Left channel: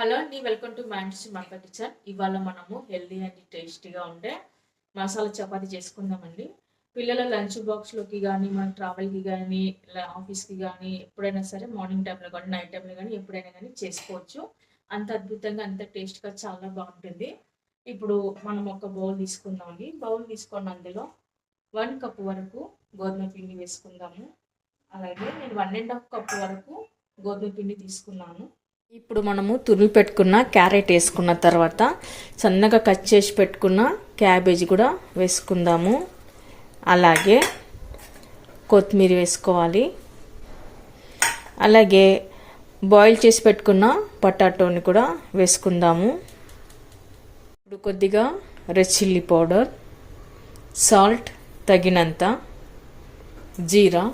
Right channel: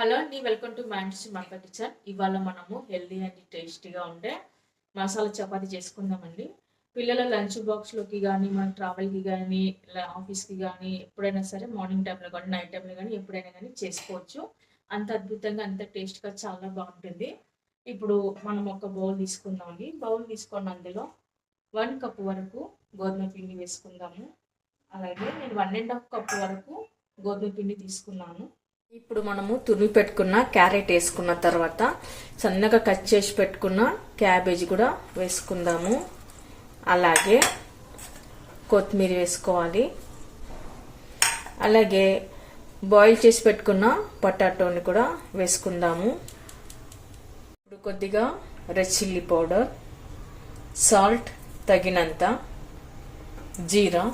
Hello అండి, welcome to మ్యాండ్స్ మక్క kitchen. ఇవాళ మనము హెల్దీ అండ్ టేస్టీగా ఉండే మసాలా చపాతీ చేసుకుందామండి. పిల్లల లంచ్ బాక్స్లోకి కానీ, మన ట్రావెల్కి కానీ, ఆఫీస్కి కానీ, ఎప్పుడైనా సరే మార్నింగ్ టైంలో కానీ, నైట్ టైంలో కానీ, ఎప్పుడైనా కానీ చేసుకోవచ్చు. అంత అద్భుతంగా, అంత టేస్ట్గా చాలా బాగుంటుంది. ఇప్పుడు మనం ఒక బౌల్ తీసుకుందామండి. బౌల్ తీసుకొని అందులో 1 కప్ వరకు గోధుమ పిండి వేసుకుందాము. అలాగే నేను 1.5 కప్ వరకు గోధుమ పిండి తీసుకున్నాను. ఇప్పుడు మనము తురిమి పెట్టుకున్న క్యారెట్ వేసుకున్న తర్వాత సన్నగా కట్ చేసి పెట్టుకున్న క్యాబేజీ కూడా వేసుకుందాము. అలాగే కొత్తిమీర వేసుకోవాలి. అలాగే బాయిల్ చేసి పెట్టుకున్న పొటాటోని కూడా వేసుకుందాము. ఇప్పుడు కొద్దిగా రెడ్ చిల్లీ పౌడర్, సాల్ట్ తగినంత, జీరా,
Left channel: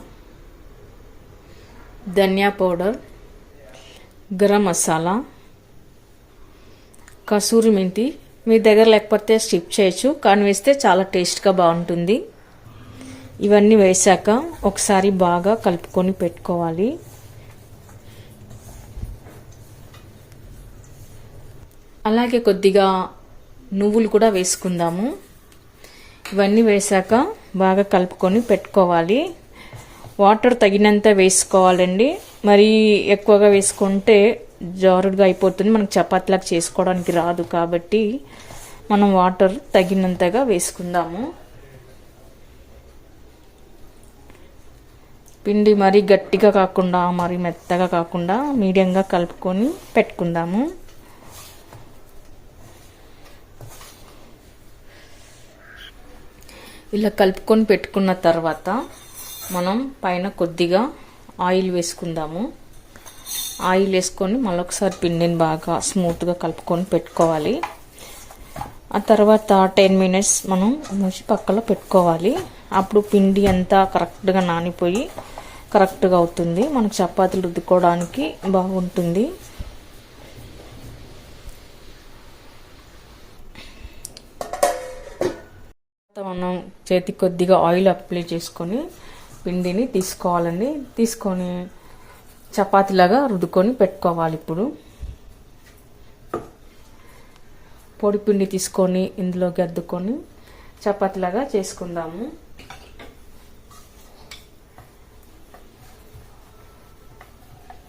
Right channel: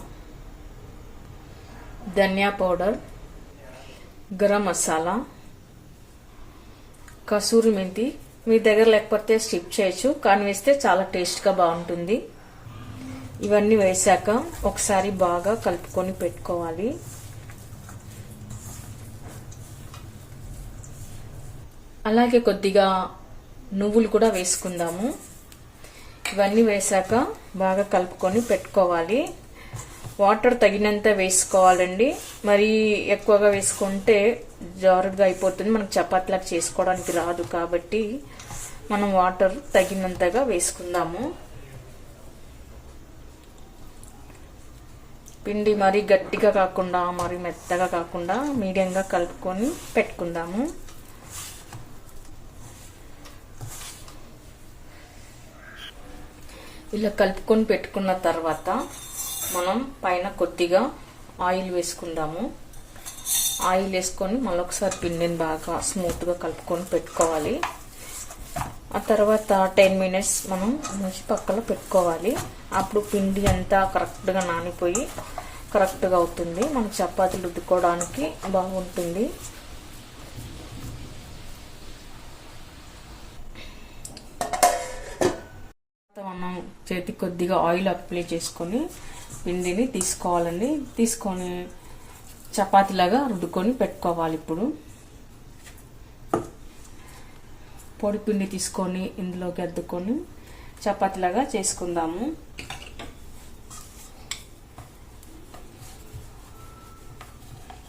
ధనియా పౌడర్, గరం మసాలా, కసూరి మెంతి మీ దగ్గర లేకపోతే స్కిప్ చేయొచ్చు, కానీ వేస్తే చాలా టేస్ట్గా బాగుంటుంది. ఇవన్నీ వేసాక ఒకసారి బాగా కలుపుకొని పెట్టుకోవాలి. అలాగే కొద్దిగా నువ్వులు కూడా వేసుకుందాము. ఇవన్నీ వేసాక బాగా కలుపుకొని పెట్టుకోవాలి. వాటర్ తగినంత వేసుకోవాలండి. మరీ ఎక్కువగా వేసుకుంటే జారుడుగా అయిపోతుంది, మనకు చపాతీలాగా చేసుకోవడానికి రాదు. కాబట్టి మనం వాటర్ తగినంతగా వేసుకుందాము. పిండి మరీ గట్టిగా కాకుండా మరీ మెత్తగా కాకుండా మీడియంగా కలుపుకొని పెట్టుకుందాము. ఇలా కలుపుకొని పెట్టుకున్న తర్వాత మనం పైన కొద్దిగా ఆయిల్ వేసుకుందాము. ఆయిల్ వేసుకొని మళ్ళొకసారి పిండిని బాగా స్మూత్గా కలుపుకొని పెట్టుకోవాలి. ఆ తర్వాత 10 మినిట్స్ మనం మూసి పక్కలో పెట్టుకోవాలి. అప్పుడు పిండి అంతా కరెక్ట్గా నానిపోయి కరెక్ట్గా అవుతుంది. మనకు చపాతీలు రుద్దుకోవడానికి బాగుంటుంది. మనం చేతికి కొద్దిగా ఆయిల్ అప్లై చేసుకొని పిండిని తీసుకోవాలండి. తీసుకొని చపాతీలాగా రుద్దుకొని పెట్టుకోవాలి. ఇప్పుడు పొడి పిండి తీసుకొని ఇందులోకి అద్దుకొని చపాతీలాగా చేసుకుందాము.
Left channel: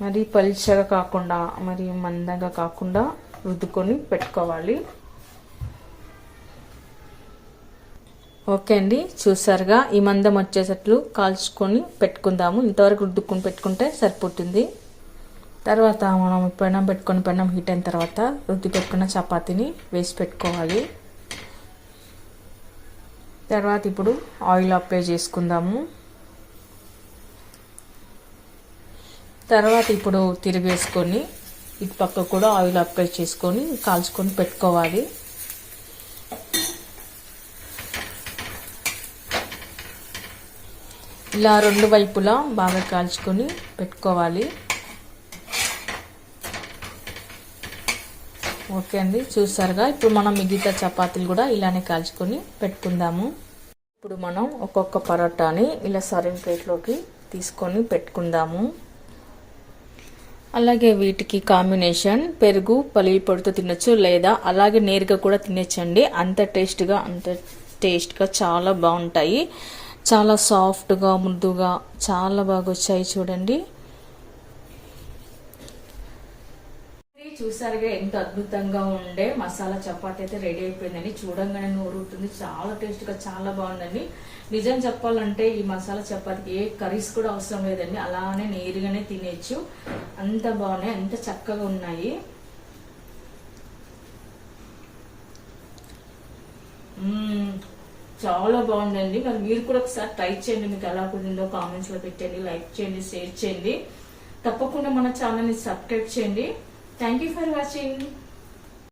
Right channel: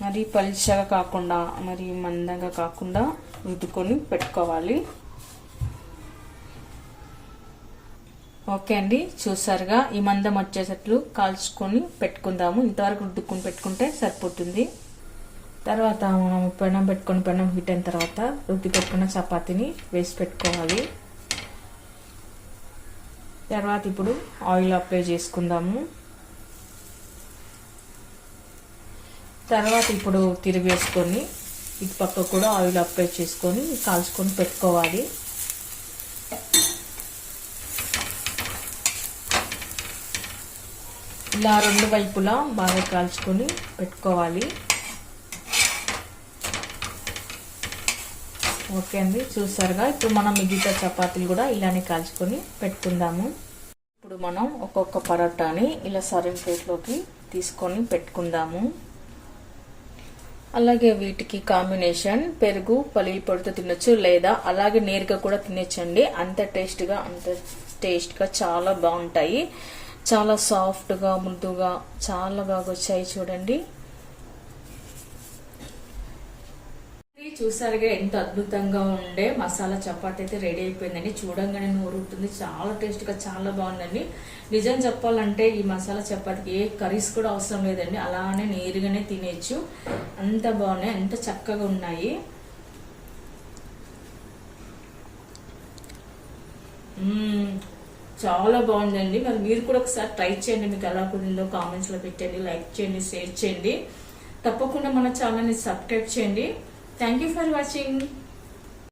మరి పలుచగా కాకుండా మరి మందంగా కాకుండా రుద్దుకొని పెట్టుకోవాలి. ఓకే అండి, చూసారుగా ఈ మందం వచ్చేటట్లు కాల్చుకొని పెట్టుకుందాము. ఇంతవరకు రుద్దుకొని పెట్టుకుంటే సరిపోతుంది. తర్వాత మనం పెనం పెట్టుకొని పెనం హీట్ అయిన తర్వాత రుద్ది పెట్టుకున్న చపాతీని వేసి పెట్టుకోవాలి. తర్వాత ఇప్పుడు ఆయిల్ అప్లై చేసుకుందాము. తర్వాత ఇప్పుడు తిరిగేసుకొని ఇటు పక్క కూడా ఆయిల్ అప్లై చేసుకొని కాల్చుకొని పెట్టుకోవాలి. ఇలా 2 వైపులా బాగా కాల్చుకొని పెట్టుకోవాలి. ఓకే అండి, చూసారుగా ఇప్పుడు మనం మిగతా చపాతీలు కూడా ఇలానే కాల్చుకొని పెట్టుకుందాము. ఇప్పుడు మనం ఒక్కొక్క పరోటాని ఇలా సర్వింగ్ ప్లేట్లోకి తీసుకొని పెట్టుకుందాము. అలాగే వీటికి కాంబినేషన్ పెరుగు పల్లి పొడితో తినొచ్చు, లేదా అలాగే నేరుగా కూడా తినొచ్చండి. అంత టేస్ట్గా చాలా బాగుంటాయి. చాలా సాఫ్ట్గా మృదుగా చాలా బాగా వచ్చాయి చూడండి. చూసారుగా ఎంత అద్భుతంగా ఉండే మసాలా చపాతీ అయితే రెడీ అయిపోయిందండి. చూడంగానే నోరుతుంది. చాలా టేస్ట్గా చాలా బాగుందండి. నిజం చెప్పాలంటే ఈ మసాలా చపాతీకి ఏ కర్రీస్ కూడా అవసరం లేదండి, అలానే నేరుగానే తినేచ్చు. అంత బాగున్నాయి, అంత చక్కగా ఉన్నాయి. చాలా బాగుందండి. మరి మీరు కూడా ఒకసారి ట్రై చేయండి. మీకు ఎలా కుదిరిందో కామెంట్స్లో పెట్టండి, లైక్ చేయండి, షేర్ చేయండి. తప్పకుండా మన ఛానల్ని సబ్స్క్రైబ్ చేయండి. Thank you for watching.